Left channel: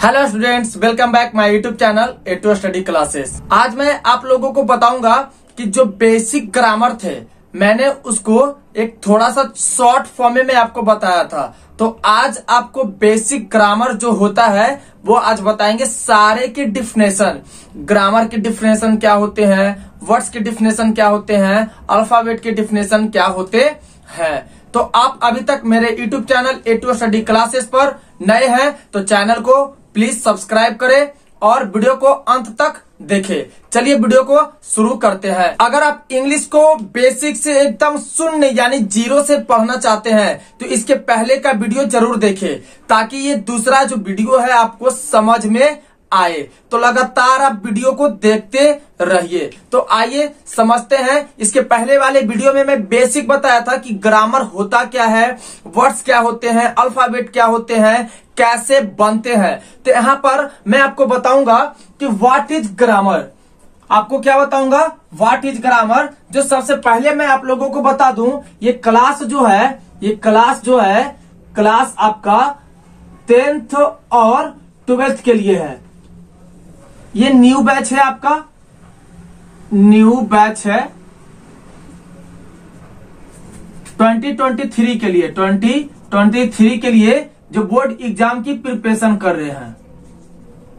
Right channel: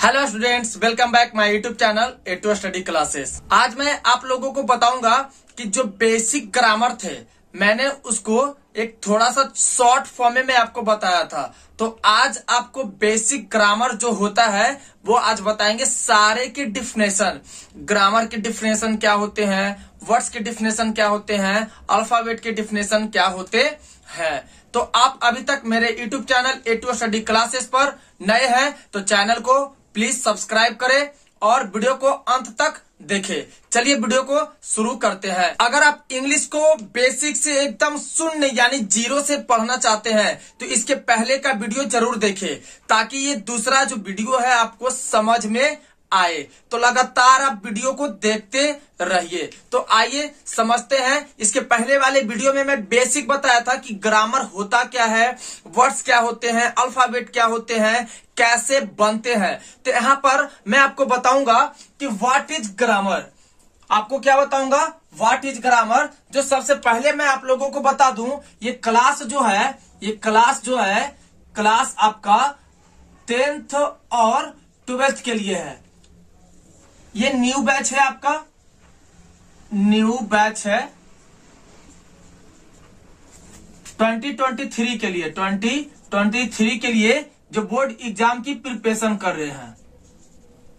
Hello students, welcome back my YouTube channel A2 study classes. आज मैं आप लोगों को बताऊंगा कि जो बेसिक ग्रामर थे मैंने उसको एक थोड़ा सा शॉर्ट फॉर्म में आपको बताया था। तो आज आपको बेसिक ग्रामर जो होता है वो आज बताएंगे। सारे के डिफिनेशन, ग्रामर के डिफिनेशन क्या होते हैं, वर्ड्स के डिफिनेशन क्या होते हैं, अल्फाबेट के डिफिनेशन क्या होते हैं। तो आप अभी तक मेरे YouTube channel A2 study classes पर नए हैं तो चैनल को प्लीज सब्सक्राइब करें और वीडियो को अंत तक देखें। चलिए वीडियो को शुरू करते हैं। अगर आप इंग्लिश को बेसिक से एकदम शून्य यानी जीरो से पढ़ना चाहते हैं तो इसके पहले का वीडियो जरूर देखें ताकि ये दूसरा जो वीडियो है आपको समझ में आए। तो लगातार आप वीडियो को देखते रहिए। तो आइए समझते हैं। इसके पहले वाले वीडियो में मैं बेसिक बताया था कि ग्रामर होता क्या है, वर्ड्स क्या होते हैं, अल्फाबेट क्या होते हैं, कैसे बनते हैं। तो यहां पर मैं आपको बताऊंगा कि व्हाट इज ग्रामर। आपको क्या बताऊंगा, व्हाट इज ग्रामर। जो सबसे पहले मैं आप लोगों को बता दूं, ये क्लास जो है क्लास आपका 10th और 12th के लिए है। ये न्यू बैच है, आपका न्यू बैच है 2023 के लिए, 2023 के लिए जो बोर्ड एग्जाम की प्रिपरेशन कर रहे हैं,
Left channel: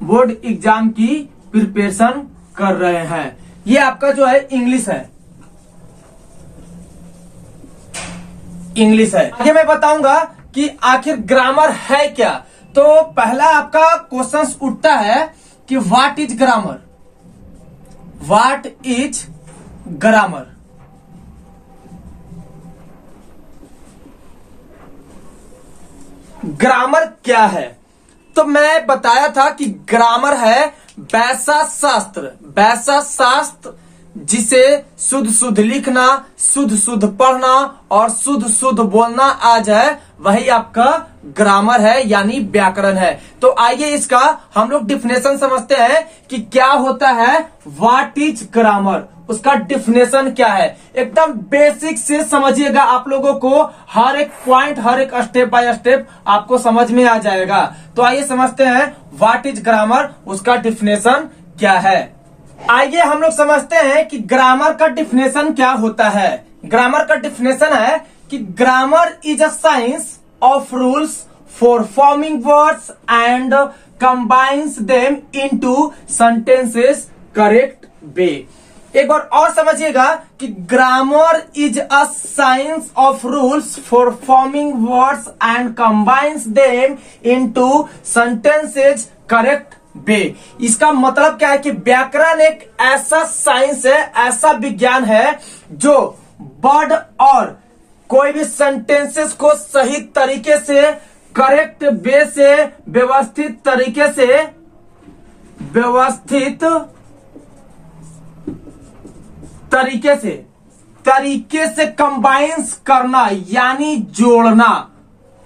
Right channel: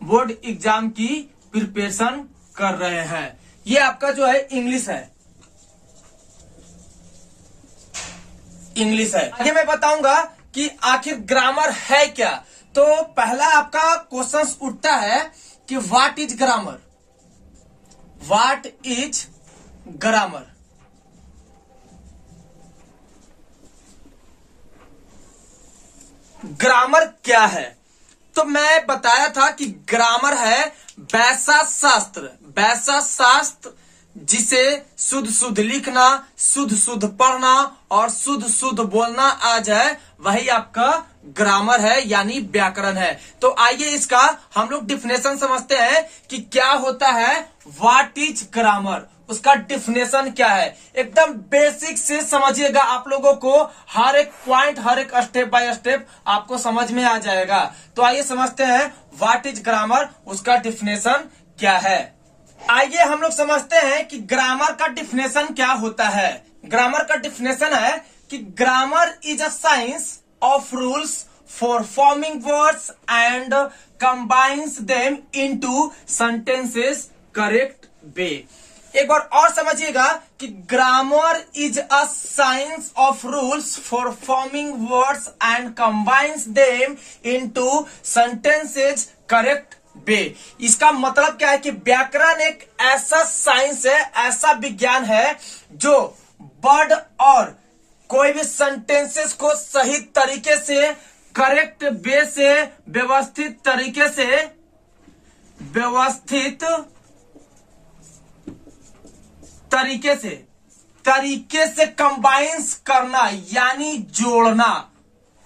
बोर्ड एग्जाम की प्रिपरेशन कर रहे हैं। ये आपका जो है इंग्लिश है, इंग्लिश है। आगे मैं बताऊंगा कि आखिर ग्रामर है क्या। तो पहला आपका क्वेश्चन उठता है कि what is grammar, what is grammar. Grammar क्या है। तो मैं बताया था कि ग्रामर है वैसा शास्त्र जिसे शुद्ध शुद्ध लिखना, शुद्ध शुद्ध पढ़ना और शुद्ध शुद्ध बोलना आ जाए, वही आपका ग्रामर है यानी व्याकरण है। तो आइए इसका हम लोग डिफिनेशन समझते हैं कि क्या होता है व्हाट इज ग्रामर, उसका डिफिनेशन क्या है। एकदम बेसिक से समझिएगा, आप लोगों को हर एक पॉइंट, हर एक स्टेप बाय स्टेप आपको समझ में आ जाएगा। तो आइए समझते हैं व्हाट इज ग्रामर, उसका डिफिनेशन क्या है। आइए हम लोग समझते हैं कि ग्रामर का डिफिनेशन क्या होता है। ग्रामर का डिफिनेशन है कि grammar is a science of rules for forming words and combines them into sentences correct way. एक बार और समझिएगा कि grammar is a science of rules for forming words and combines them into sentences correct way. इसका मतलब क्या है कि व्याकरण एक ऐसा साइंस है, ऐसा विज्ञान है जो वर्ड और कोई भी सेंटेंसेस को सही तरीके से, करेक्ट वे से, व्यवस्थित तरीके से कंबाइंस करना यानी जोड़ना,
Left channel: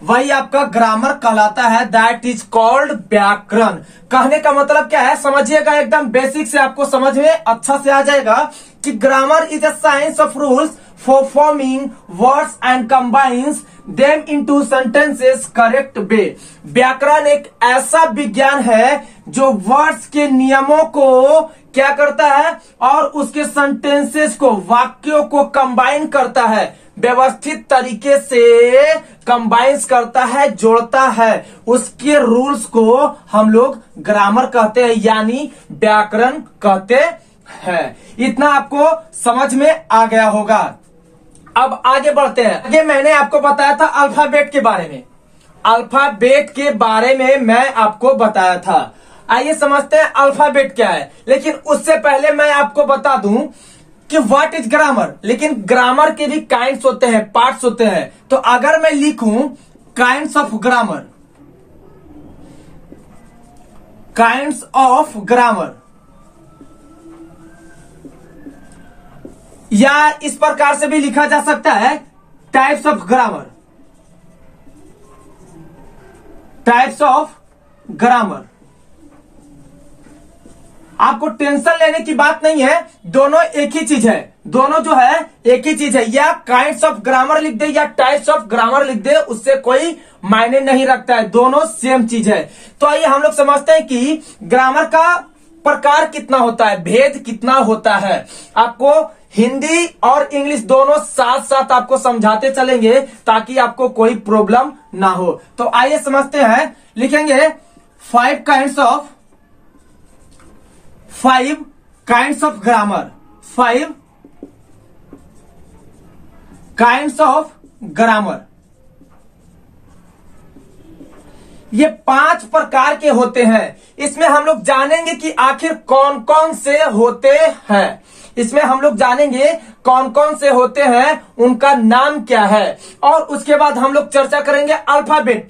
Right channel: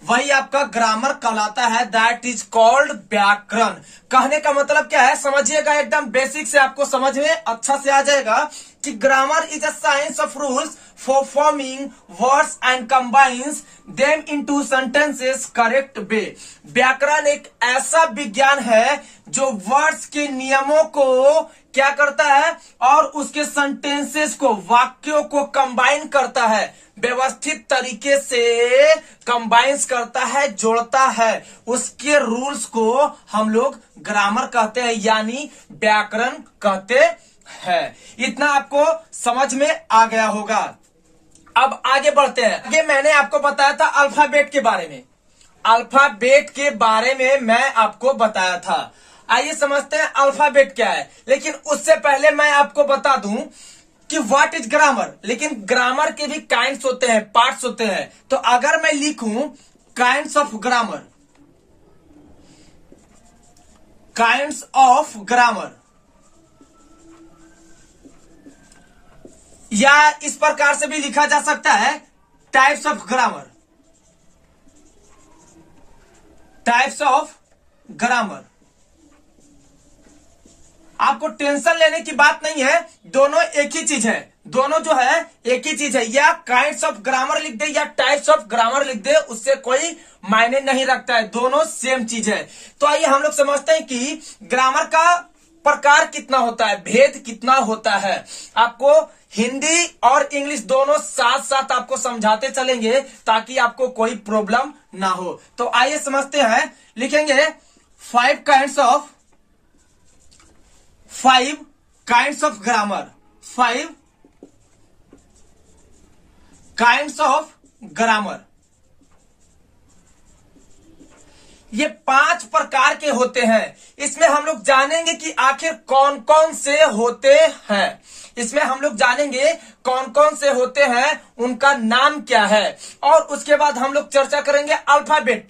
वही आपका ग्रामर कहलाता है। दैट इज कॉल्ड व्याकरण। कहने का मतलब क्या है समझिएगा, एकदम बेसिक से आपको समझ में अच्छा से आ जाएगा कि grammar is a science of rules for forming words and combines them into sentences correct way. व्याकरण एक ऐसा विज्ञान है जो वर्ड्स के नियमों को क्या करता है और उसके सेंटेंसेस को, वाक्यों को कंबाइन करता है, व्यवस्थित तरीके से कंबाइंस करता है, जोड़ता है। उसके रूल्स को हम लोग ग्रामर कहते हैं यानी व्याकरण कहते हैं। इतना आपको समझ में आ गया होगा। अब आगे बढ़ते हैं। आगे मैंने आपको बताया था अल्फाबेट के बारे में, अल्फाबेट के बारे में मैं आपको बताया था। आइए समझते हैं अल्फाबेट क्या है। लेकिन उससे पहले मैं आपको बता दूं कि व्हाट इज ग्रामर। लेकिन ग्रामर के भी काइंड्स होते हैं, पार्ट्स होते हैं। तो अगर मैं लिखूं kinds of grammar, kinds of grammar, या इस प्रकार से भी लिखा जा सकता है types of grammar, types of grammar. आपको टेंशन लेने की बात नहीं है, दोनों एक ही चीज है। दोनों जो है एक ही चीज है। या काइंड्स ऑफ ग्रामर लिख दे या टाइप्स ऑफ ग्रामर लिख दे, उससे कोई मायने नहीं रखता है, दोनों सेम चीज है। तो आइए हम लोग समझते हैं कि ग्रामर का प्रकार कितना होता है, भेद कितना होता है। आपको हिंदी और इंग्लिश दोनों साथ साथ आपको समझाते चलेंगे ताकि आपको कोई प्रॉब्लम ना हो। तो आइए समझते हैं, लिखेंगे 5 kinds of grammar. 5 kinds of grammar, ये 5 प्रकार के होते हैं। इसमें हम लोग जानेंगे कि आखिर कौन कौन से होते हैं। इसमें हम लोग जानेंगे कौन कौन से होते हैं, उनका नाम क्या है, और उसके बाद हम लोग चर्चा करेंगे अल्फाबेट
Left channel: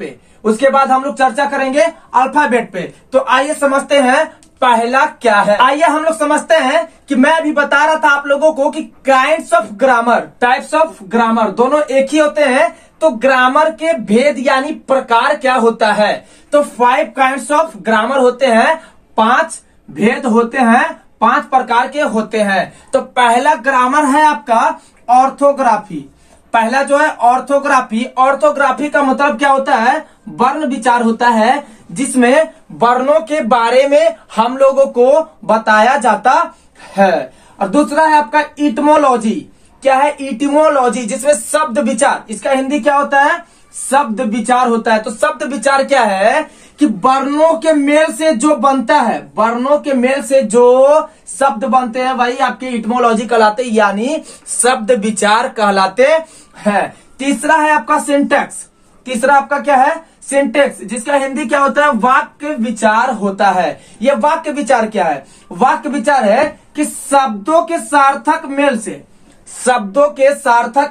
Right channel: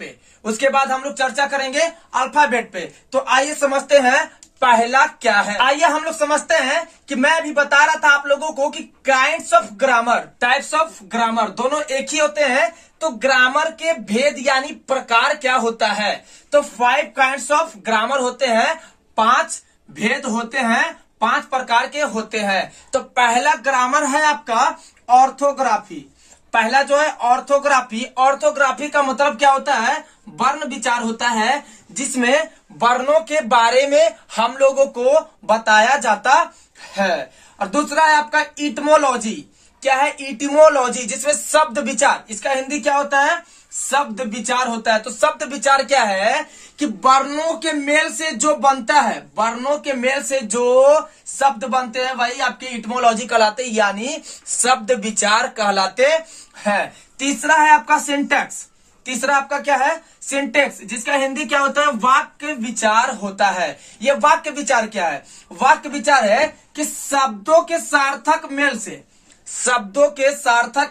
पे। तो आइए समझते हैं पहला क्या है। आइए हम लोग समझते हैं कि मैं अभी बता रहा था आप लोगों को कि kinds of grammar, types of grammar दोनों एक ही होते हैं। तो ग्रामर के भेद यानी प्रकार क्या होता है। तो 5 काइंड्स ऑफ ग्रामर होते हैं, 5 भेद होते हैं, 5 प्रकार के होते हैं। तो पहला ग्रामर है आपका ऑर्थोग्राफी। पहला जो है ऑर्थोग्राफी का मतलब क्या होता है, वर्ण विचार होता है, जिसमें वर्णों के बारे में हम लोगों को बताया जाता है। और दूसरा है आपका इटिमोलॉजी। क्या है, इटिमोलॉजी, जिसमें शब्द विचार, इसका हिंदी क्या होता है, शब्द विचार होता है। तो शब्द विचार क्या है कि वर्णों के मेल से जो बनता है, वर्णों के मेल से जो शब्द बनते हैं वही आपके इटिमोलॉजी कहलाते हैं, यानी शब्द विचार कहलाते हैं। तीसरा है आपका सिंटैक्स। तीसरा आपका क्या है, सिंटैक्स, जिसका हिंदी क्या होता है, वाक्य विचार होता है। ये वाक्य विचार क्या है, वाक्य विचार है कि शब्दों के सार्थक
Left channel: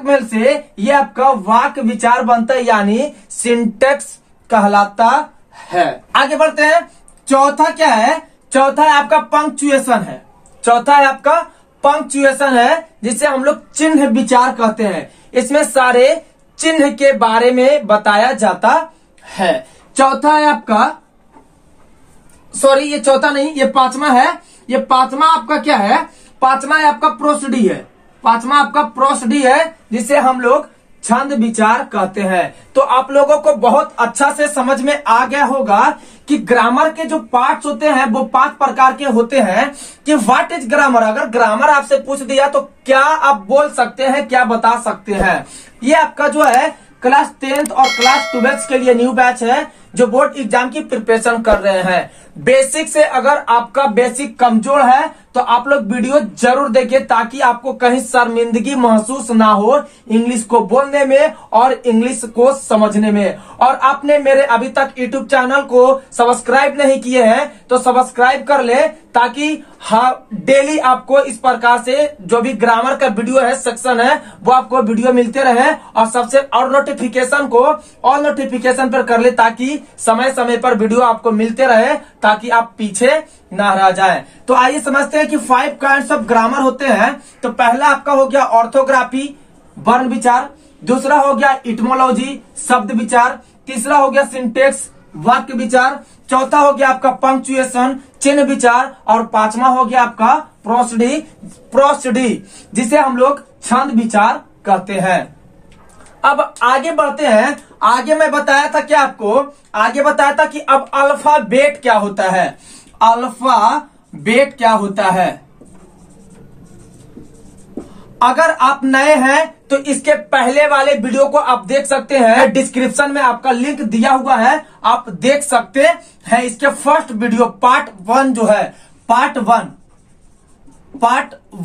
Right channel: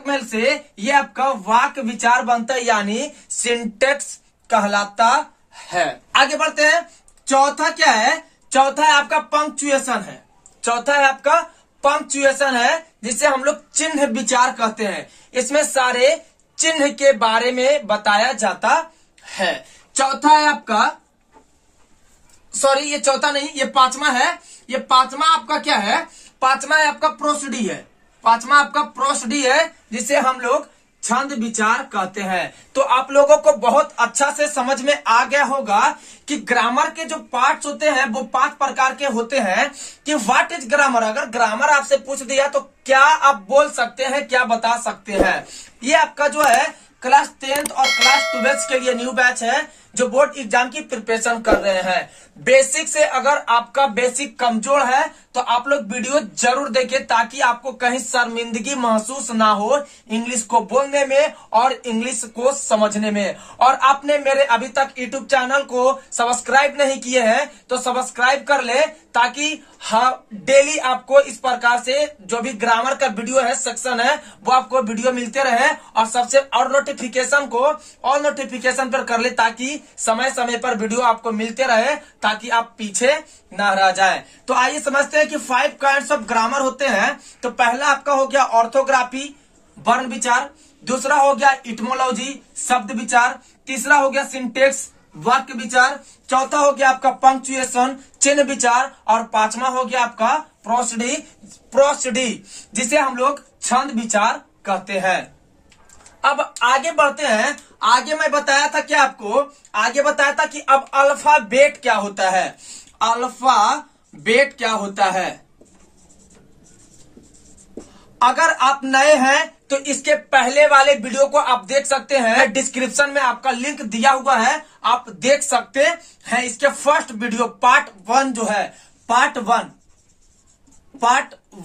मेल से ये आपका वाक्य विचार बनता है, यानी सिंटैक्स कहलाता है। आगे बढ़ते हैं, चौथा क्या है, चौथा है आपका पंक्चुएशन है, जिसे हम लोग चिन्ह विचार कहते हैं। इसमें सारे चिन्ह के बारे में बताया जाता है। चौथा है आपका, सॉरी ये चौथा नहीं, ये पांचवा है। ये पांचवा आपका क्या है, पांचवा है आपका प्रोसडी है। पांचवा आपका प्रोसडी है, जिसे हम लोग छंद विचार कहते हैं। तो आप लोगों को बहुत अच्छा से समझ में आ गया होगा कि ग्रामर के जो पार्ट्स होते हैं वो 5 प्रकार के होते हैं। कि व्हाट इज ग्रामर, अगर ग्रामर आपसे पूछ दिया तो क्या आप बोल सकते हैं, क्या बता सकते हैं। ये आपका जो है क्लास 10th और क्लास 12th के लिए न्यू बैच है, जो बोर्ड एग्जाम की प्रिपरेशन कर रहे हैं। बेसिक से अगर आपका बेसिक कमजोर है तो आप लोग वीडियो जरूर देखें, ताकि आपको कहीं शर्मिंदगी महसूस ना हो इंग्लिश को बोलने में और इंग्लिश को समझने में। और आपने मेरे अभी तक यूट्यूब चैनल को सब्सक्राइब नहीं किए हैं तो सब्सक्राइब कर ले, ताकि डेली आपको इस प्रकार से जो भी ग्रामर का वीडियो है, सेक्शन है, वो आपको वीडियो मिलते रहे। और सबसे और नोटिफिकेशन को ऑल नोटिफिकेशन पर कर ले, ताकि समय समय पर वीडियो आपको मिलते रहे, ताकि आप पीछे ना रह जाएं। तो आइए समझते हैं कि 5 काइंड्स ऑफ ग्रामर होते हैं। तो पहला आपका हो गया ऑर्थोग्राफी, वर्ण विचार। दूसरा हो गया इटिमोलॉजी, शब्द विचार। तीसरा हो गया सिंटेक्स, वाक्य विचार। चौथा हो गया आपका पंक्चुएशन, चिन्ह विचार। और पांचवा हो गया आपका प्रोसडी, जिसे हम लोग छंद विचार कहते हैं। अब आगे बढ़ते हैं। आगे मैं बताया था क्या आपको, आगे बताया था कि अब अल्फाबेट क्या होता है। अल्फाबेट क्या होता है, अगर आप नए हैं तो इसके पहले वाले वीडियो को आप देख सकते हैं, डिस्क्रिप्शन में आपका लिंक दिया हुआ है, आप देख सकते हैं। इसके फर्स्ट वीडियो पार्ट 1 जो है, पार्ट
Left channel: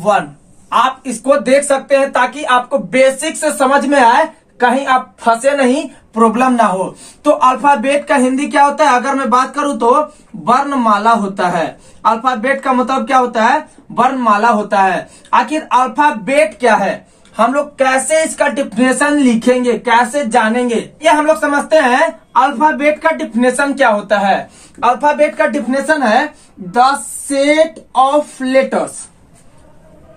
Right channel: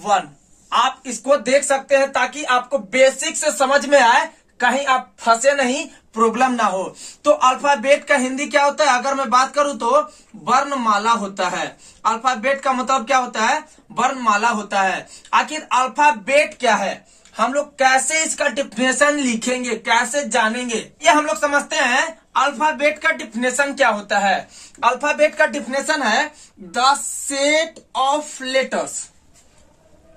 1 आप इसको देख सकते हैं, ताकि आपको बेसिक से समझ में आए, कहीं आप फंसे नहीं, प्रॉब्लम ना हो। तो अल्फाबेट का हिंदी क्या होता है, अगर मैं बात करूं तो वर्णमाला होता है। अल्फाबेट का मतलब क्या होता है, वर्णमाला होता है। आखिर अल्फाबेट क्या है, हम लोग कैसे इसका डिफिनेशन लिखेंगे, कैसे जानेंगे, ये हम लोग समझते हैं। अल्फाबेट का डिफिनेशन क्या होता है, अल्फाबेट का डिफिनेशन है the set of letters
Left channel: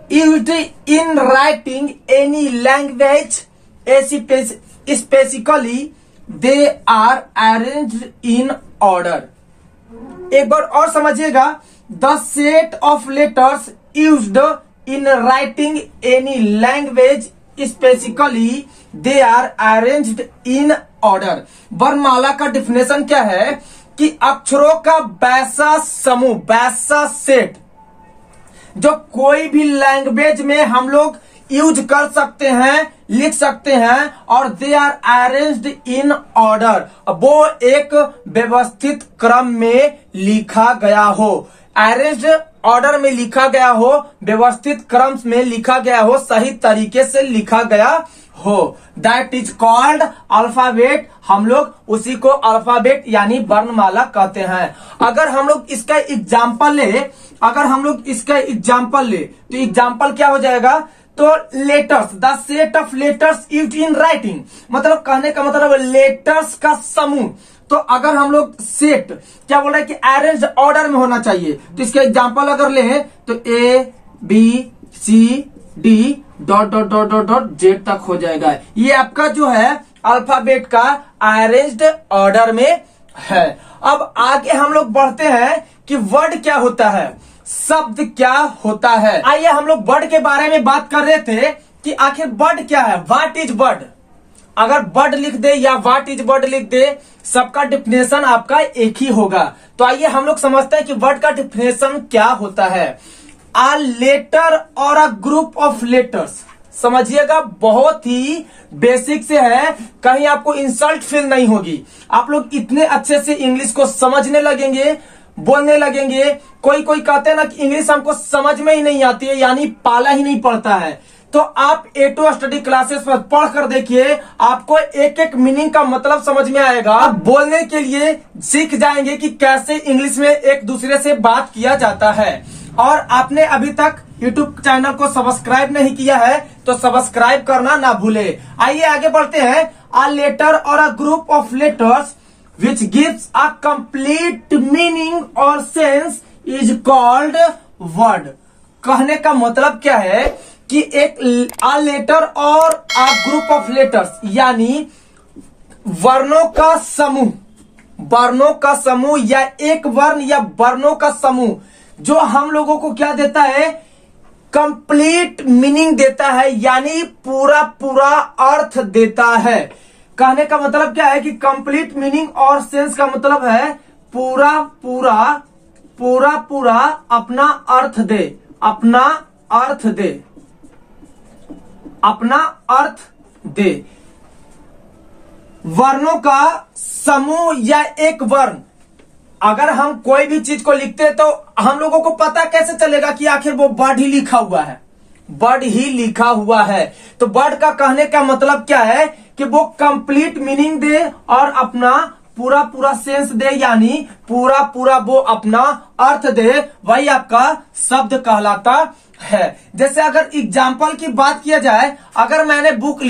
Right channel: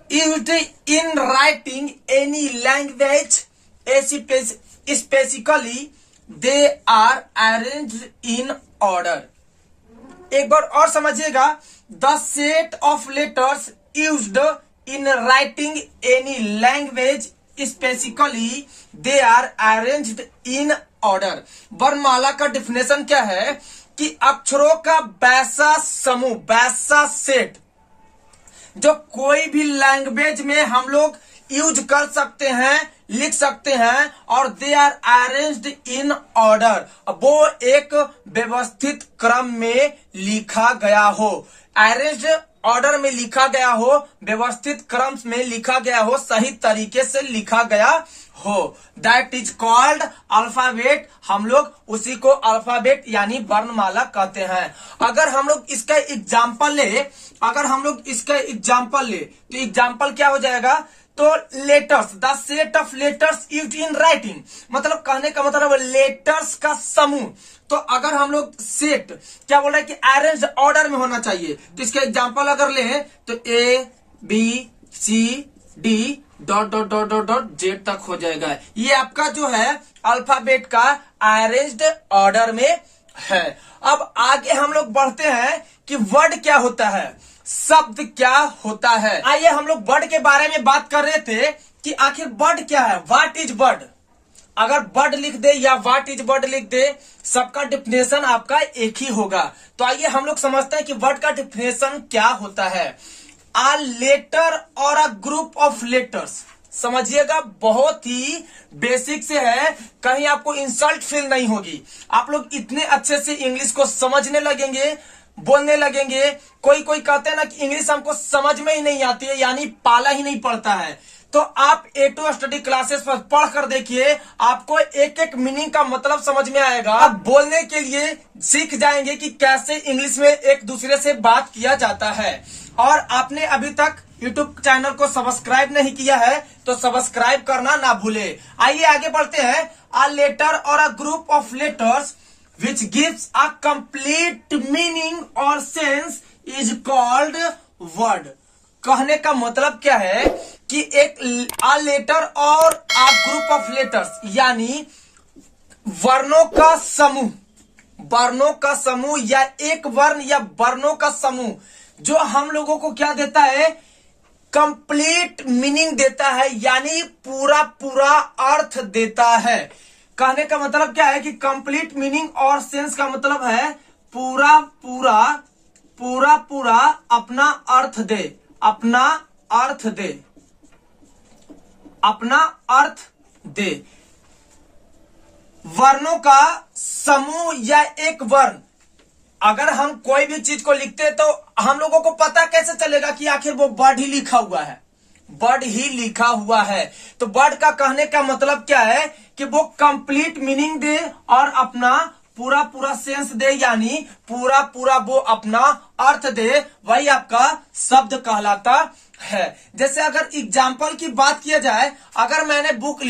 used in writing any language, specifically they are arranged in order। एक बार और समझिएगा, the set of letters used in writing any language specifically they are arranged in order. वर्णमाला का definition क्या है कि अक्षरों का वैसा समूह, वैसा सेट जो कोई भी लैंग्वेज में हम लोग यूज कर सकते हैं, लिख सकते हैं, और they are arranged in order, वो एक व्यवस्थित क्रम में लिखा गया हो, अरेंज्ड ऑर्डर में लिखा गया हो, व्यवस्थित क्रम में लिखा गया हो, सही तरीके से लिखा गया हो, दैट इज कॉल्ड अल्फाबेट। हम लोग उसी को अल्फाबेट यानी वर्णमाला कहते हैं। अगर हम लोग इसका एग्जाम्पल ले, तो एग्जाम्पल क्या हो जाएगा, तो letters, the set of letters used in writing, मतलब कहने का मतलब लेटर्स का समूह। तो अगर हम लोग सेट क्या बोल रहे हैं कि अरेंज ऑर्डर में होना चाहिए, तो इसका एग्जांपल अगर ले तो ABCD dot dot dot dot dot Z तक हो जाएगा। ये आपका जो है अल्फाबेट का अरेंज्ड ऑर्डर में है। अब आगे हम लोग बढ़ते हैं कि वर्ड क्या होता है, शब्द क्या होता है। आइए हम लोग वर्ड के बारे में बात कर रहे थे कि आखिर वर्ड क्या है, व्हाट इज वर्ड। अगर वर्ड लिख दे या व्हाट इज वर्ड लिख दे, सबका डिफिनेशन आपका एक ही होगा। तो आइए हम लोग समझते हैं कि वर्ड का डिफिनेशन क्या होता है। अ लेटर और अ ग्रुप ऑफ लेटर्स, समझिएगा बहुत ही बेसिक से है, कहीं आपको इंसल्ट फील नहीं होगी। आप लोग इतने अच्छे से इंग्लिश को समझने लगेंगे, बोलने लगेंगे। कोई कहते हैं ना कि इंग्लिश हमको समझ में ही नहीं आती है, यानी पाला ही नहीं पड़ता है। तो आप A2 स्टडी क्लासेस पर पढ़ कर देखिए, आपको एक एक मीनिंग का मतलब समझ में आएगा। आप बोलने के लिए सीख जाएंगे कि कैसे इंग्लिश में एक दूसरे से बात किया जाता है। और आपने अभी तक YouTube चैनल को सब्सक्राइब नहीं किया है तो सब्सक्राइब करना ना भूले। आइए आगे बढ़ते हैं। अ लेटर और a group of letters which gives a complete meaning or sense is called word। कहने का मतलब क्या है कि एक a letter और a group of letters यानी वर्णों का समूह या एक वर्ण या वर्णों का समूह जो हम लोगों को क्या देता है, कंप्लीट मीनिंग देता है, यानी पूरा अर्थ देता है। कहने का मतलब क्या है कि कंप्लीट मीनिंग और सेंस का मतलब है पूरा अपना अर्थ दे। वर्णों का समूह या एक वर्ण, अगर हम कोई भी चीज को लिखते हैं तो हम लोगों को पता कैसे चलेगा कि आखिर वो वर्ड ही लिखा हुआ है। तो वर्ड का कहने का मतलब क्या है कि वो कंप्लीट मीनिंग दे और अपना पूरा सेंस दे, यानी पूरा वो अपना अर्थ दे, वही आपका शब्द कहलाता है। जैसे अगर एग्जाम्पल की बात किया जाए, अगर मैंने बुक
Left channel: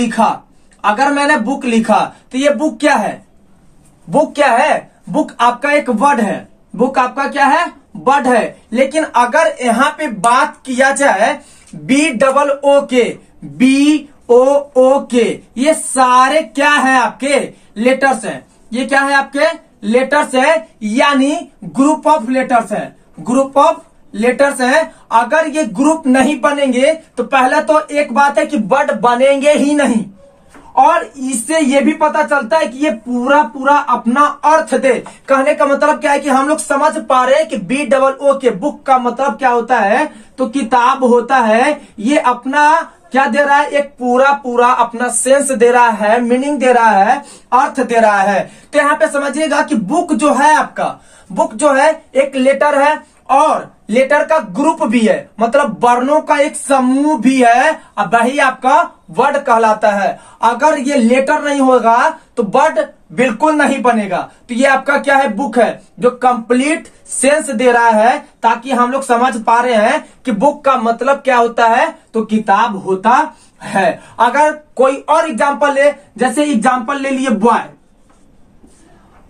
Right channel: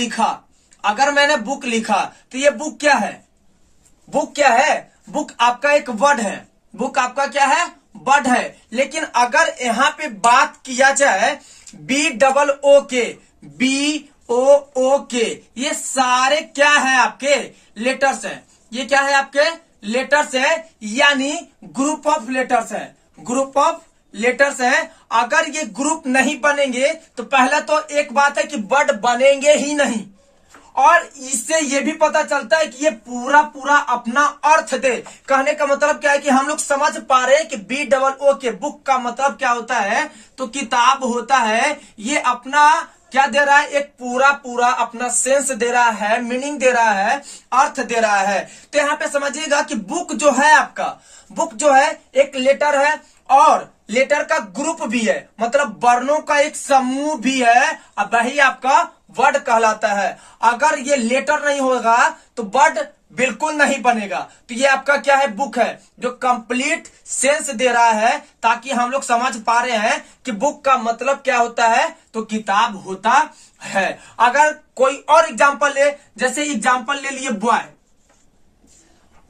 लिखा तो ये बुक क्या है, बुक आपका एक वर्ड है, बुक आपका क्या है, वर्ड है। लेकिन अगर यहाँ पे बात किया जाए BOOK, ये सारे क्या है, आपके लेटर्स हैं। ये क्या है, आपके लेटर्स है, यानी ग्रुप ऑफ लेटर्स हैं। अगर ये ग्रुप नहीं बनेंगे तो पहले तो एक बात है कि वर्ड बनेंगे ही नहीं, और इससे ये भी पता चलता है कि ये पूरा अपना अर्थ दे। कहने का मतलब क्या है कि हम लोग समझ पा रहे हैं कि BOOK बुक का मतलब क्या होता है, तो किताब होता है। ये अपना क्या दे रहा है, एक पूरा अपना सेंस दे रहा है, मीनिंग दे रहा है, अर्थ दे रहा है। तो यहाँ पे समझिएगा कि बुक जो है आपका, बुक जो है एक लेटर है और लेटर का ग्रुप भी है, मतलब वर्णों का एक समूह भी है, अब वही आपका वर्ड कहलाता है। अगर ये लेटर नहीं होगा तो वर्ड बिल्कुल नहीं बनेगा। तो ये आपका क्या है, बुक है, जो कंप्लीट सेंस दे रहा है, ताकि हम लोग समझ पा रहे हैं कि बुक का मतलब क्या होता है, तो किताब होता है। अगर कोई और एग्जांपल ले, जैसे एग्जांपल ले लिए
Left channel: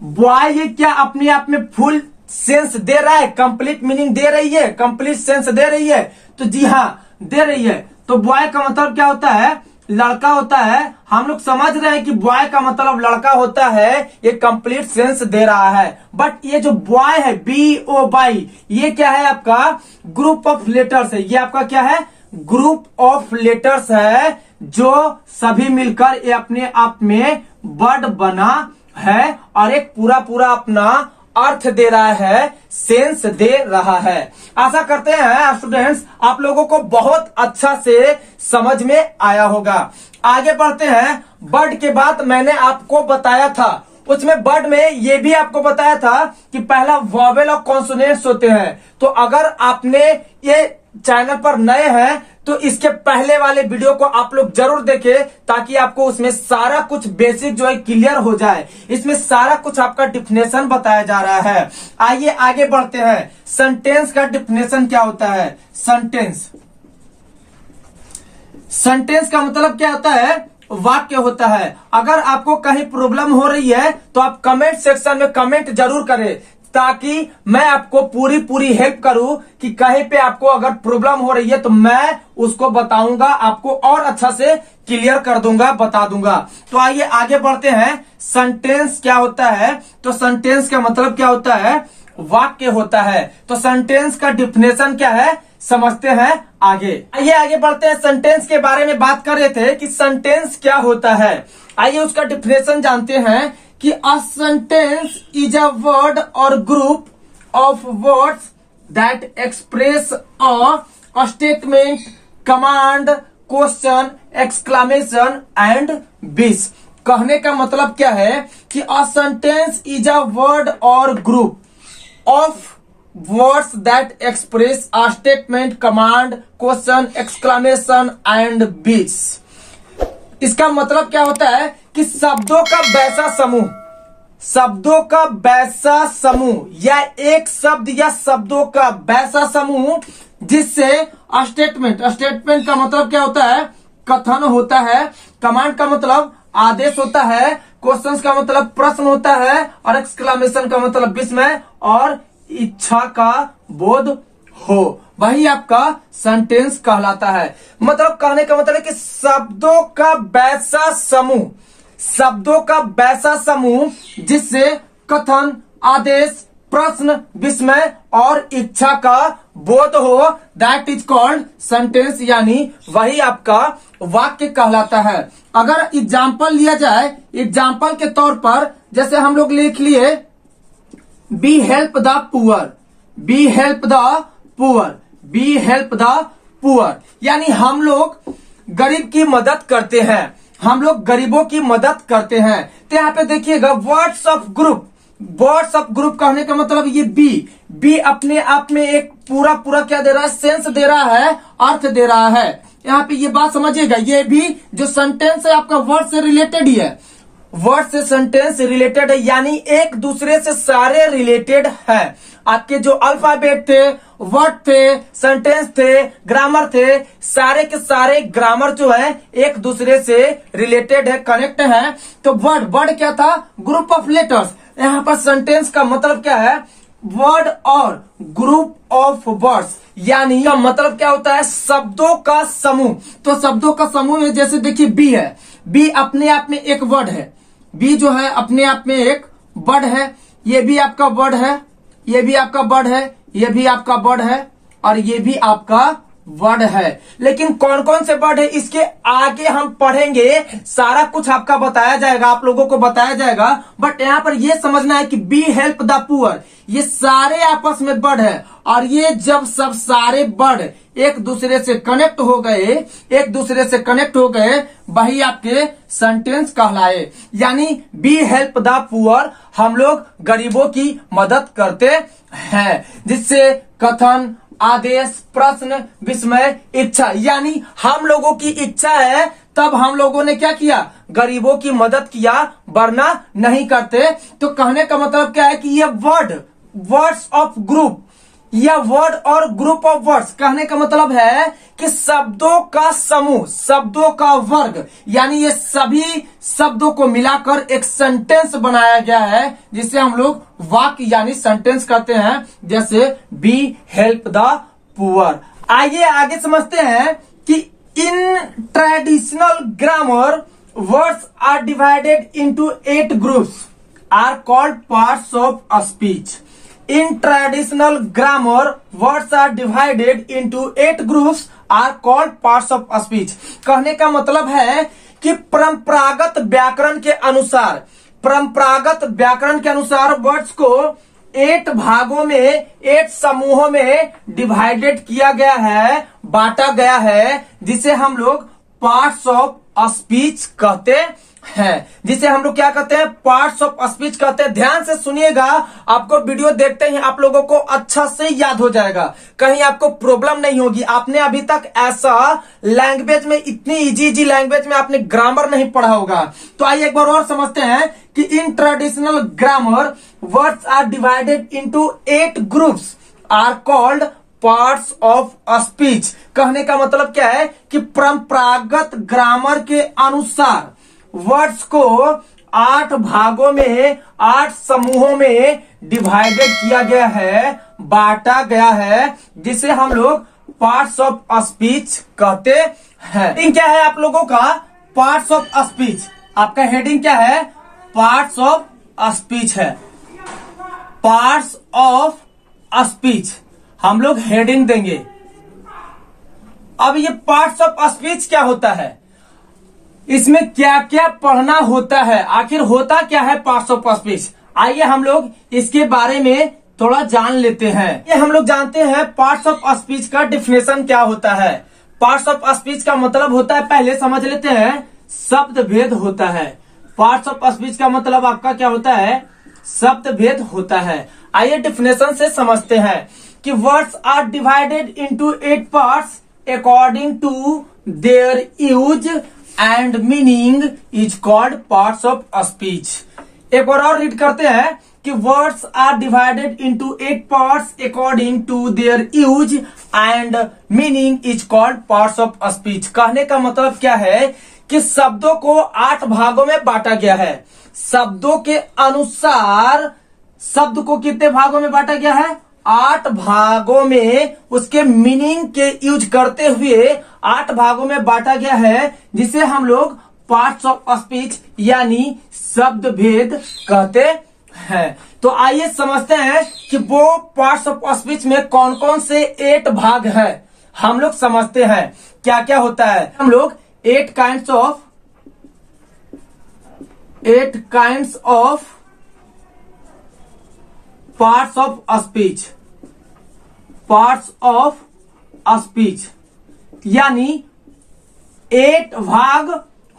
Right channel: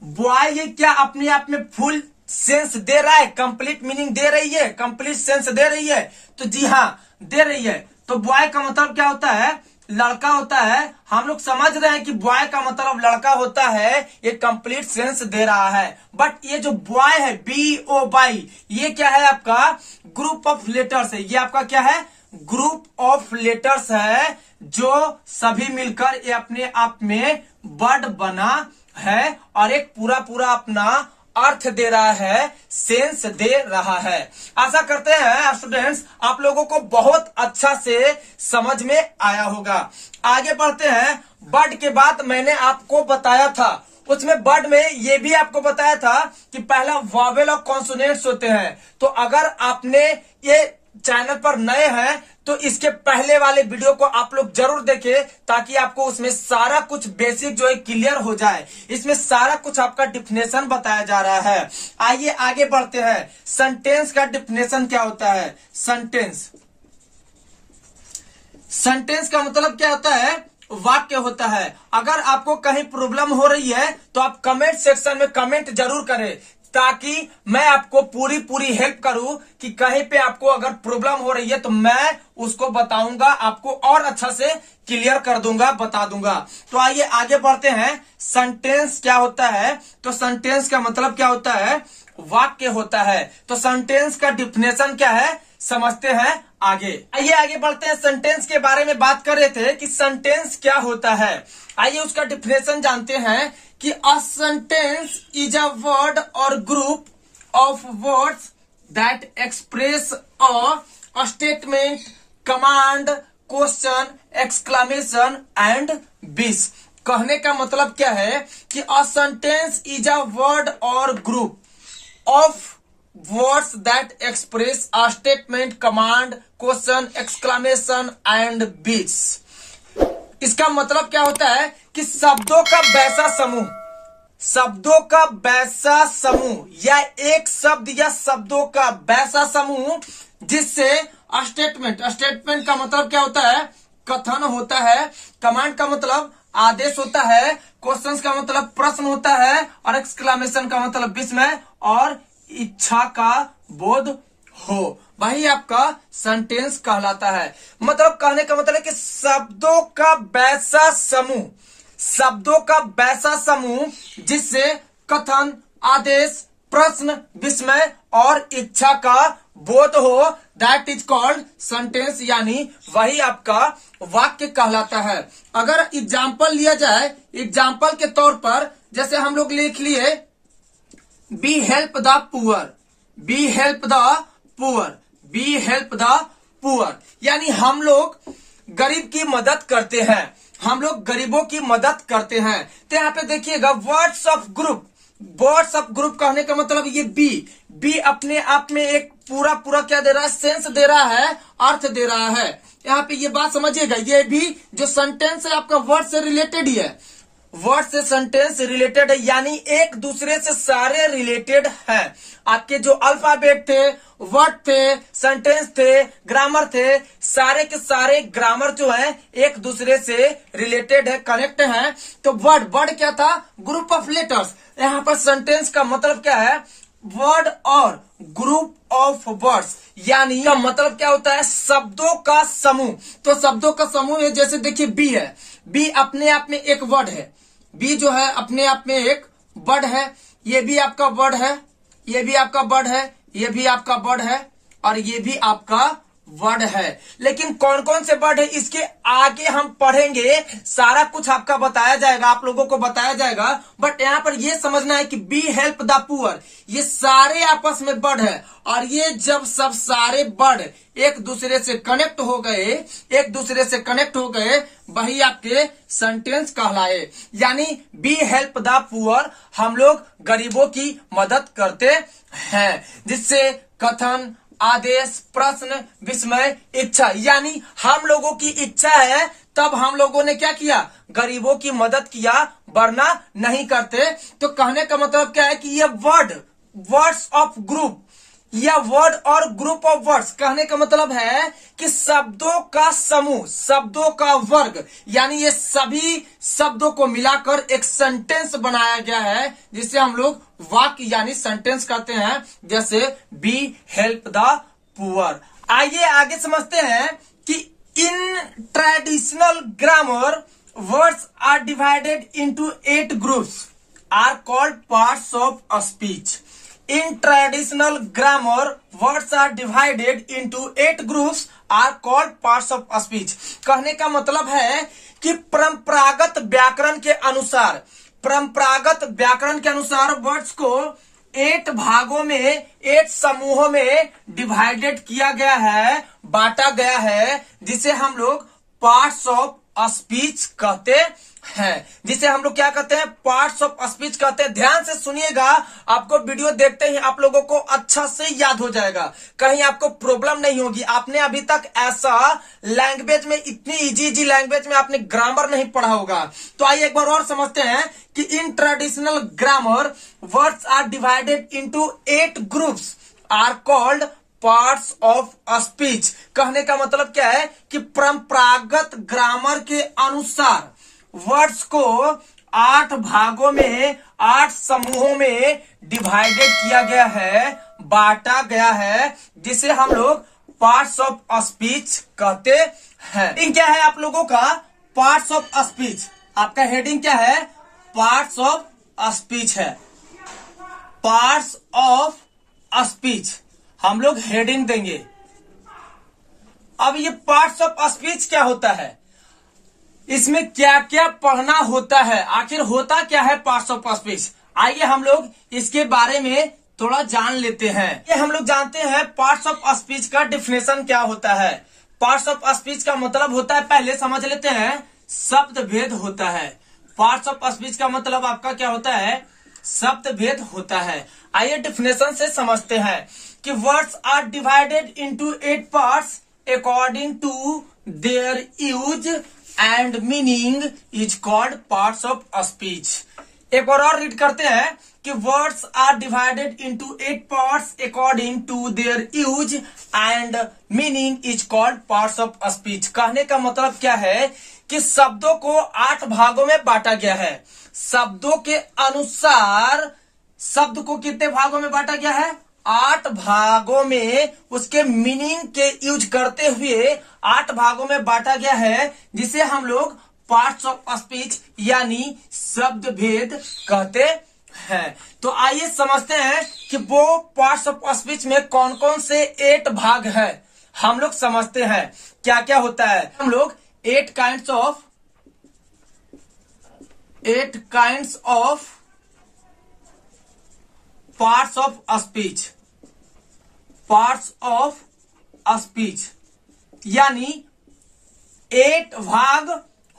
बॉय, ये क्या अपने आप में फुल सेंस दे रहा है, कंप्लीट मीनिंग दे रही है, कंप्लीट सेंस दे रही है, तो जी हाँ दे रही है। तो बॉय का मतलब क्या होता है, लड़का होता है। हम लोग समझ रहे हैं कि बॉय का मतलब लड़का होता है, ये कंप्लीट सेंस दे रहा है। बट ये जो बॉय है BOY, ये क्या है, आपका ग्रुप ऑफ लेटर्स है। ये आपका क्या है, ग्रुप ऑफ लेटर्स है जो सभी मिलकर ये अपने आप में वर्ड बना है और एक पूरा पूरा अपना अर्थ दे रहा है, सेंस दे रहा है। आशा करते हैं स्टूडेंट्स आप लोगों को बहुत अच्छा से समझ में आया होगा। आगे बढ़ते हैं। वर्ड के बाद मैंने आपको बताया था, उसमें वर्ड में ये भी आपको बताया था कि पहला वॉवेल और कॉन्सोनेंट्स होते हैं। तो अगर आपने ये चैनल पर नए हैं तो इसके पहले वाले वीडियो को आप लोग जरूर देखें ताकि आपको उसमें सारा कुछ बेसिक जो है क्लियर हो जाए। इसमें सारा कुछ आपका डिफिनेशन बताया जा रहा है। आइए आगे बढ़ते हैं। सेंटेंस का डिफिनेशन क्या होता है? सेंटेंस का मतलब क्या होता है? वाक्य होता है। अगर आपको कहीं प्रॉब्लम हो रही है तो आप कमेंट सेक्शन में कमेंट जरूर करें ताकि मैं आपको पूरी हेल्प करूं कि कहीं पे आपको अगर प्रॉब्लम हो रही है तो मैं उसको बताऊंगा, आपको और अच्छा से क्लियर कर दूंगा, बता दूंगा। तो आइए आगे बढ़ते हैं। सेंटेंस क्या होता है? तो सेंटेंस का मतलब क्या होता है? वाक्य होता है। तो सेंटेंस का डिफिनेशन क्या है समझते हैं आगे। आइए आगे बढ़ते हैं। सेंटेंस के बारे में बात कर रहे थे कि सेंटेंस क्या होता है। आइए उसका डिफिनेशन जानते हैं कि a sentence is a word or group of words that express a statement, command, question, exclamation and wish. कहने का मतलब क्या है कि a sentence is a word or group of words that express a statement, command, question, exclamation and wish। इसका मतलब क्या होता है कि शब्दों का वैसा समूह या एक शब्द या शब्दों का वैसा समूह जिससे स्टेटमेंट का मतलब क्या होता है? कथन होता है। कमांड का मतलब आदेश होता है। क्वेश्चंस का मतलब प्रश्न होता है और एक्सक्लेमेशन का मतलब विस्मय और इच्छा का बोध हो, वही आपका सेंटेंस कहलाता है। मतलब कहने का मतलब है कि शब्दों का वैसा समूह जिससे कथन, आदेश, प्रश्न, विस्मय और इच्छा का बोध हो, दैट इज कॉल्ड सेंटेंस, यानी वही आपका वाक्य कहलाता है। अगर एग्जाम्पल लिया जाए, एग्जाम्पल के तौर पर जैसे हम लोग लिख लिए बी हेल्प द पुअर, यानी हम लोग गरीब की मदद करते हैं, हम लोग गरीबों की मदद करते हैं। तो यहाँ पे देखिएगा वर्ड्स ऑफ ग्रुप कहने का मतलब ये बी अपने आप में एक पूरा क्या दे रहा है? सेंस दे रहा है, अर्थ दे रहा है। यहाँ पे ये बात समझिएगा, ये भी जो सेंटेंस है आपका वर्ड से रिलेटेड ही है, वर्ड से सेंटेंस रिलेटेड है, यानी एक दूसरे से सारे रिलेटेड है। आपके जो अल्फाबेट थे, वर्ड थे, सेंटेंस थे, ग्रामर थे, सारे के सारे ग्रामर जो है एक दूसरे से रिलेटेड है, कनेक्ट है। तो वर्ड क्या था? Group of letters. यहाँ पर सेंटेंस का मतलब क्या है? Word or group of words, यानी का मतलब क्या होता है? शब्दों का समूह। तो शब्दों का समूह है, जैसे देखिए बी है, बी अपने आप में एक वर्ड है, बी जो है अपने आप में एक वर्ड है। ये भी आपका वर्ड है, ये भी आपका वर्ड है, ये भी आपका वर्ड है और ये भी आपका वर्ड है। लेकिन कौन कौन से वर्ड है इसके आगे हम पढ़ेंगे, सारा कुछ आपका बताया जाएगा, आप लोगों को बताया जाएगा। बट यहाँ पर ये समझना है कि बी हेल्प द पुअर, ये सारे आपस में वर्ड है और ये जब सब सारे वर्ड एक दूसरे से कनेक्ट हो गए वही आपके सेंटेंस कहलाए। यानी बी हेल्प द पुअर, हम लोग गरीबों की मदद करते हैं, जिससे कथन, आदेश, प्रश्न, विस्मय, इच्छा, यानी हम लोगों की इच्छा है तब हम लोगों ने क्या किया? गरीबों की मदद किया, वरना नहीं करते। तो कहने का मतलब क्या है कि ये वर्ड्स ऑफ ग्रुप या word or group of words, कहने का मतलब है कि शब्दों का समूह, शब्दों का वर्ग, यानी ये सभी शब्दों को मिलाकर एक सेंटेंस बनाया गया है, जिसे हम लोग वाक्य यानी सेंटेंस कहते हैं, जैसे बी हेल्प द पुअर। आइए आगे समझते हैं कि in traditional grammar words are divided into 8 groups are called parts of a speech. In traditional grammar, words are divided into 8 groups are called parts of speech. कहने का मतलब है कि परंपरागत व्याकरण के अनुसार वर्ड्स को 8 भागों में 8 समूहों में डिवाइडेड किया गया है, बांटा गया है, जिसे हम लोग पार्ट्स ऑफ स्पीच कहते हैं। जिसे हम लोग क्या कहते हैं? पार्ट्स ऑफ स्पीच कहते हैं। ध्यान से सुनिएगा, आपको वीडियो देखते ही आप लोगों को अच्छा से याद हो जाएगा, कहीं आपको प्रॉब्लम नहीं होगी। आपने अभी तक ऐसा लैंग्वेज में, इतनी इजी लैंग्वेज में आपने ग्रामर नहीं पढ़ा होगा। तो आइए एक बार और समझते हैं कि in traditional grammar words are divided into 8 groups are called parts of speech. कहने का मतलब क्या है कि परंपरागत ग्रामर के अनुसार वर्ड्स को 8 भागों में 8 समूहों में डिवाइडेड किया गया है, बांटा गया है, जिसे हम लोग पार्ट्स ऑफ स्पीच कहते हैं। हेडिंग क्या है आप लोगों का? Parts of speech. आपका हेडिंग क्या है? पार्ट्स ऑफ स्पीच है। पार्ट्स ऑफ स्पीच हम लोग हेडिंग देंगे। अब ये पार्ट्स ऑफ स्पीच क्या होता है, इसमें क्या क्या पढ़ना होता है, आखिर होता क्या है पार्ट्स ऑफ स्पीच? आइए हम लोग इसके बारे में थोड़ा जान लेते हैं। ये हम लोग जानते हैं पार्ट्स ऑफ स्पीच का डिफिनेशन क्या होता है। पार्ट्स ऑफ स्पीच का मतलब होता है, पहले समझ लेते हैं, शब्द भेद होता है। पार्ट्स ऑफ स्पीच का मतलब आपका क्या होता है? शब्द भेद होता है। आइए डिफिनेशन से समझते हैं कि words are divided into 8 parts according to their use and meaning is called parts of speech. एक बार और रीड करते हैं कि words are divided into 8 parts according to their use and meaning is called parts of speech. कहने का मतलब क्या है कि शब्दों को 8 भागों में बांटा गया है। शब्दों के अनुसार शब्द को कितने भागों में बांटा गया है? 8 भागों में। उसके मीनिंग के यूज करते हुए 8 भागों में बांटा गया है, जिसे हम लोग पार्ट्स ऑफ स्पीच यानी शब्द भेद कहते हैं। तो आइए समझते हैं कि वो पार्ट्स ऑफ स्पीच में कौन कौन से 8 भाग है। हम लोग समझते हैं क्या क्या होता है। हम लोग 8 kinds of parts of speech यानी 8 भाग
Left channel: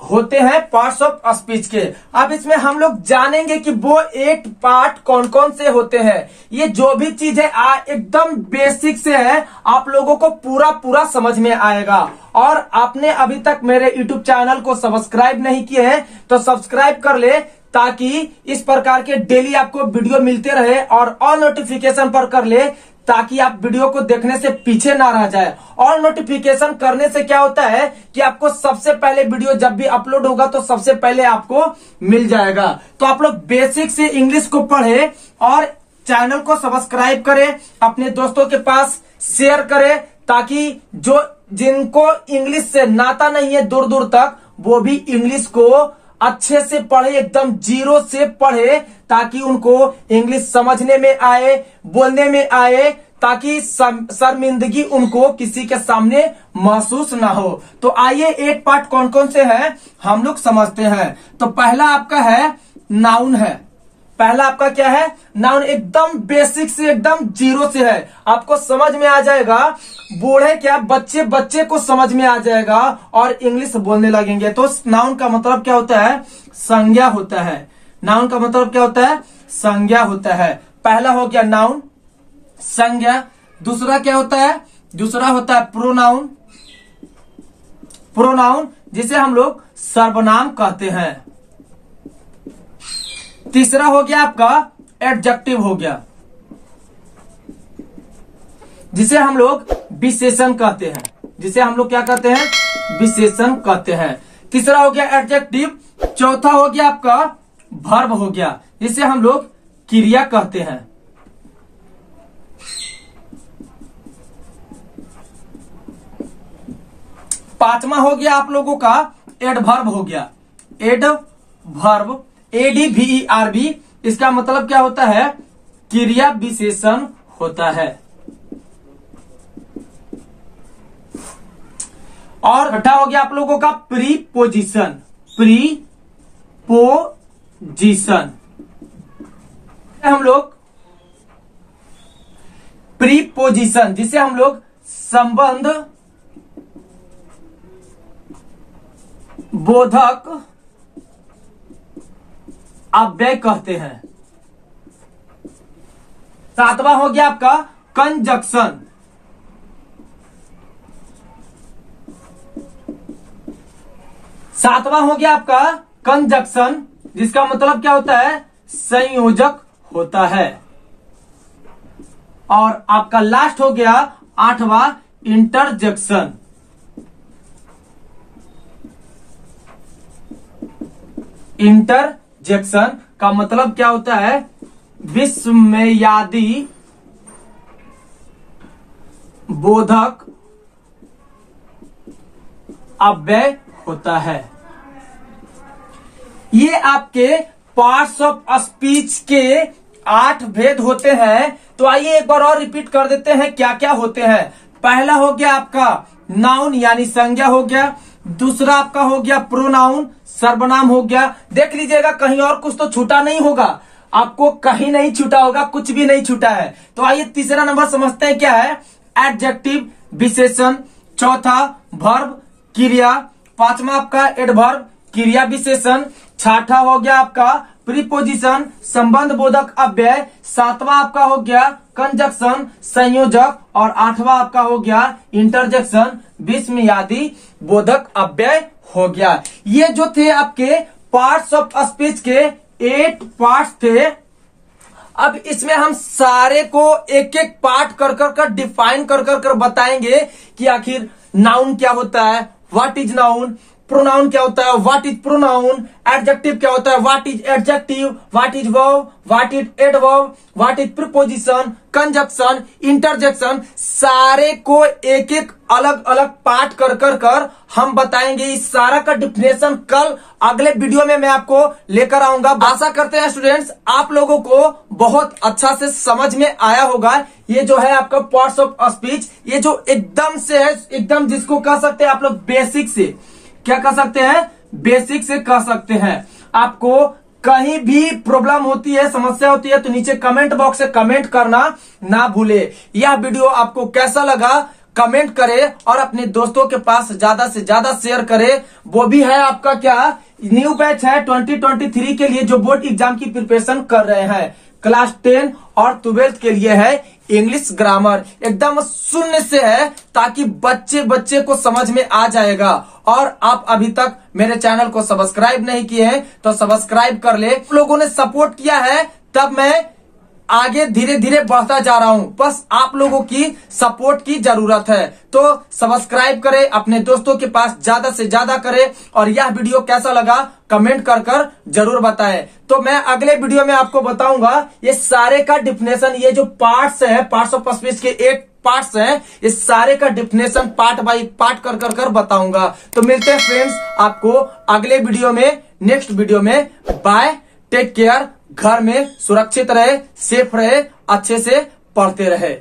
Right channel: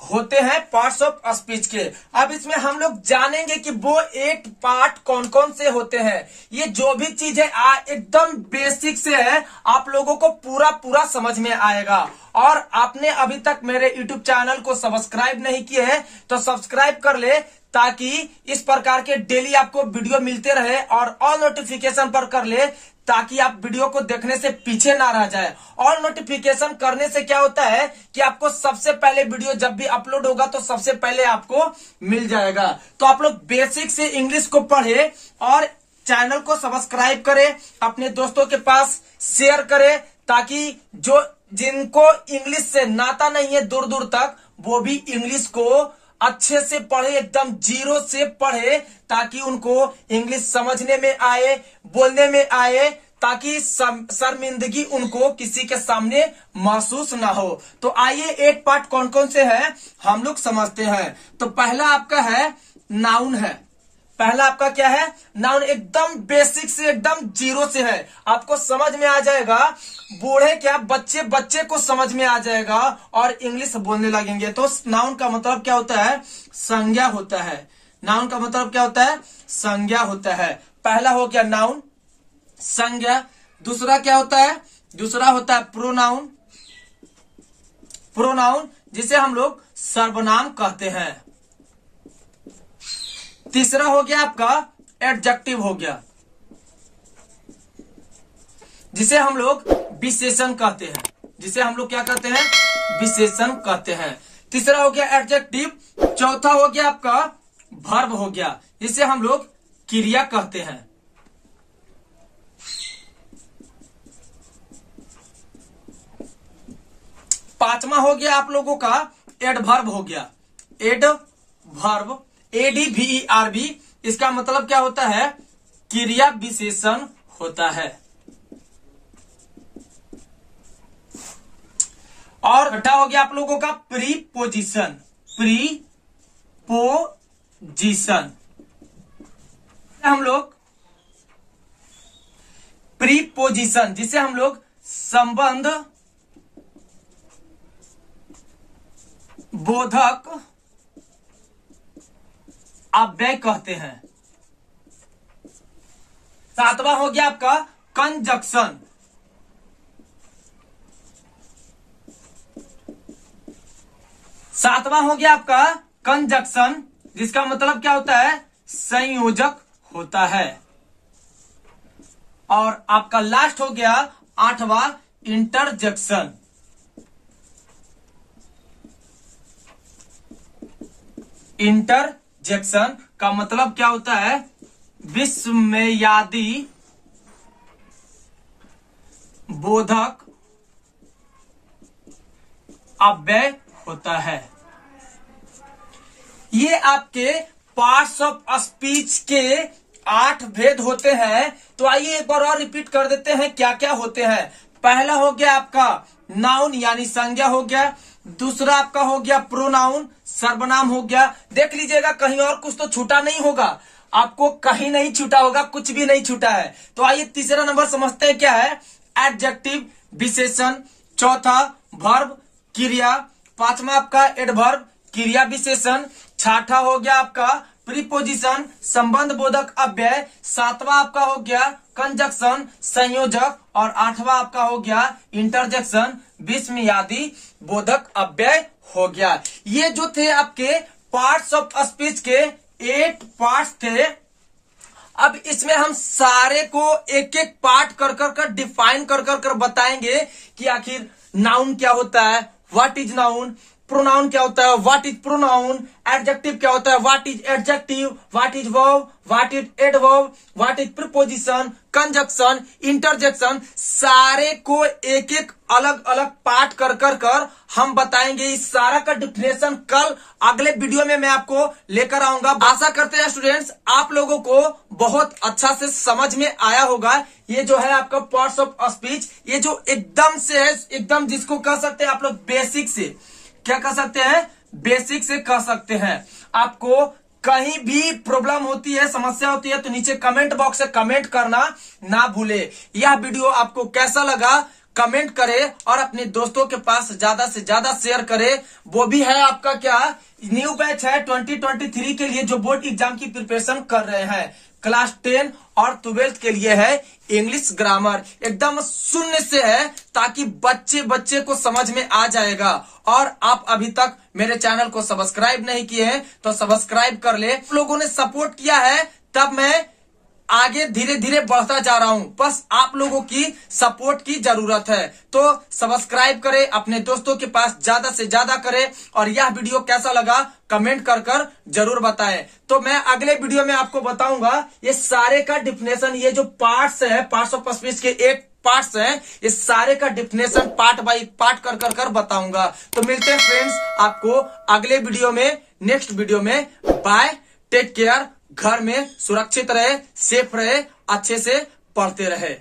होते हैं पार्ट्स ऑफ स्पीच के। अब इसमें हम लोग जानेंगे कि वो 8 पार्ट कौन कौन से होते हैं। ये जो भी चीज है एकदम बेसिक से है, आप लोगों को पूरा समझ में आएगा। और आपने अभी तक मेरे YouTube चैनल को सब्सक्राइब नहीं किए हैं तो सब्सक्राइब कर ले, ताकि इस प्रकार के डेली आपको वीडियो मिलते रहे, और ऑल नोटिफिकेशन पर कर ले, ताकि आप वीडियो को देखने से पीछे ना रह जाए। और नोटिफिकेशन करने से क्या होता है कि आपको सबसे पहले वीडियो जब भी अपलोड होगा तो सबसे पहले आपको मिल जाएगा। तो आप लोग बेसिक से इंग्लिश को पढ़े और चैनल को सब्सक्राइब करें, अपने दोस्तों के पास शेयर करें, ताकि जो जिनको इंग्लिश से नाता नहीं है दूर दूर तक, वो भी इंग्लिश को अच्छे से पढ़े, एकदम जीरो से पढ़े, ताकि उनको इंग्लिश समझने में आए, बोलने में आए, ताकि शर्मिंदगी उनको किसी के सामने महसूस ना हो। तो आइए 8 पार्ट कौन कौन से हैं हम लोग समझते हैं। तो पहला आपका है नाउन है। पहला आपका क्या है? नाउन। एकदम बेसिक से, एकदम जीरो से है, आपको समझ में आ जाएगा। बूढ़े क्या बच्चे को समझ में आ जाएगा और इंग्लिश बोलने लगेंगे। तो नाउन का मतलब क्या होता है? संज्ञा होता है। नाउन का मतलब क्या होता है? संज्ञा होता है। पहला हो गया नाउन, संज्ञा। दूसरा क्या होता है? दूसरा होता है प्रोनाउन। प्रोनाउन जिसे हम लोग सर्वनाम कहते हैं। तीसरा हो गया आपका एडजेक्टिव हो गया, जिसे हम लोग विशेषण कहते हैं। जिसे हम लोग क्या कहते हैं? विशेषण कहते हैं। तीसरा हो गया एडजेक्टिव। चौथा हो गया आपका वर्ब हो गया, जिसे हम लोग क्रिया कहते हैं। पांचवा हो गया आप लोगों का एडवर्ब हो गया। एडवर्ब, ADVERB, इसका मतलब क्या होता है? क्रिया विशेषण होता है। और छठा हो गया आप लोगों का प्रीपोजिशन। प्रीपोजिशन हम लोग प्रीपोजिशन जिसे हम लोग संबंध बोधक अव्यय कहते हैं। सातवां हो गया आपका कंजक्शन। सातवां हो गया आपका कंजक्शन जिसका मतलब क्या होता है, संयोजक होता है। और आपका लास्ट हो गया आठवां इंटरजेक्शन। इंटरजेक्शन का मतलब क्या होता है, विस्मयादि बोधक अव्यय होता है। ये आपके पार्ट्स ऑफ स्पीच के 8 भेद होते हैं। तो आइए एक बार और रिपीट कर देते हैं क्या क्या होते हैं। पहला हो गया आपका नाउन यानी संज्ञा हो गया। दूसरा आपका हो गया प्रोनाउन, सर्वनाम हो गया। देख लीजिएगा कहीं और कुछ तो छूटा नहीं होगा, आपको कहीं नहीं छूटा होगा, कुछ भी नहीं छूटा है। तो आइए तीसरा नंबर समझते हैं क्या है, एडजेक्टिव विशेषण। चौथा वर्ब क्रिया। पांचवा आपका एडवर्ब क्रिया विशेषण। छठा हो गया आपका प्रीपोजिशन संबंध बोधक अव्यय। सातवां आपका हो गया कंजक्शन संयोजक। और आठवां आपका हो गया इंटरजेक्शन विस्मयादि बोधक अव्यय हो गया। ये जो थे आपके पार्ट्स ऑफ स्पीच के 8 पार्ट्स थे। अब इसमें हम सारे को एक एक पार्ट कर डिफाइन कर बताएंगे कि आखिर नाउन क्या होता है, व्हाट इज नाउन, प्रोनाउन क्या होता है, व्हाट इज प्रोनाउन, एडजेक्टिव क्या होता है, what is adjective, what is verb, what is adverb, what is preposition, conjunction, interjection. सारे को एक एक अलग अलग पार्ट कर हम बताएंगे। इस सारा का डिफिनेशन कल अगले वीडियो में मैं आपको लेकर आऊंगा। आशा करते हैं स्टूडेंट्स आप लोगों को बहुत अच्छा से समझ में आया होगा। ये जो है आपका पार्ट्स ऑफ स्पीच, ये जो एकदम से है, एकदम जिसको कह सकते हैं आप लोग बेसिक से, क्या कह सकते हैं, बेसिक से कह सकते हैं। आपको कहीं भी प्रॉब्लम होती है, समस्या होती है तो नीचे कमेंट बॉक्स से कमेंट करना ना भूले। यह वीडियो आपको कैसा लगा कमेंट करें और अपने दोस्तों के पास ज्यादा से ज्यादा शेयर करें। वो भी है आपका क्या न्यू बैच है 2023 के लिए जो बोर्ड एग्जाम की प्रिपरेशन कर रहे हैं। क्लास 10 और 12th के लिए है इंग्लिश ग्रामर, एकदम शून्य से है ताकि बच्चे को समझ में आ जाएगा। और आप अभी तक मेरे चैनल को सब्सक्राइब नहीं किए हैं तो सब्सक्राइब कर ले। लोगों ने सपोर्ट किया है तब मैं आगे धीरे धीरे बढ़ता जा रहा हूं, बस आप लोगों की सपोर्ट की जरूरत है। तो सब्सक्राइब करें, अपने दोस्तों के पास ज्यादा से ज्यादा करें और यह वीडियो कैसा लगा कमेंट कर जरूर बताएं। तो मैं अगले वीडियो में आपको बताऊंगा ये सारे का डिफिनेशन, ये जो पार्ट्स है पार्ट्स ऑफ स्पीच के 8 पार्ट्स हैं, इस सारे का डिफिनेशन पार्ट बाय पार्ट कर बताऊंगा। तो मिलते हैं फ्रेंड्स आपको अगले वीडियो में, नेक्स्ट वीडियो में। बाय, टेक केयर, घर में सुरक्षित रहे, सेफ रहे, अच्छे से पढ़ते रहे।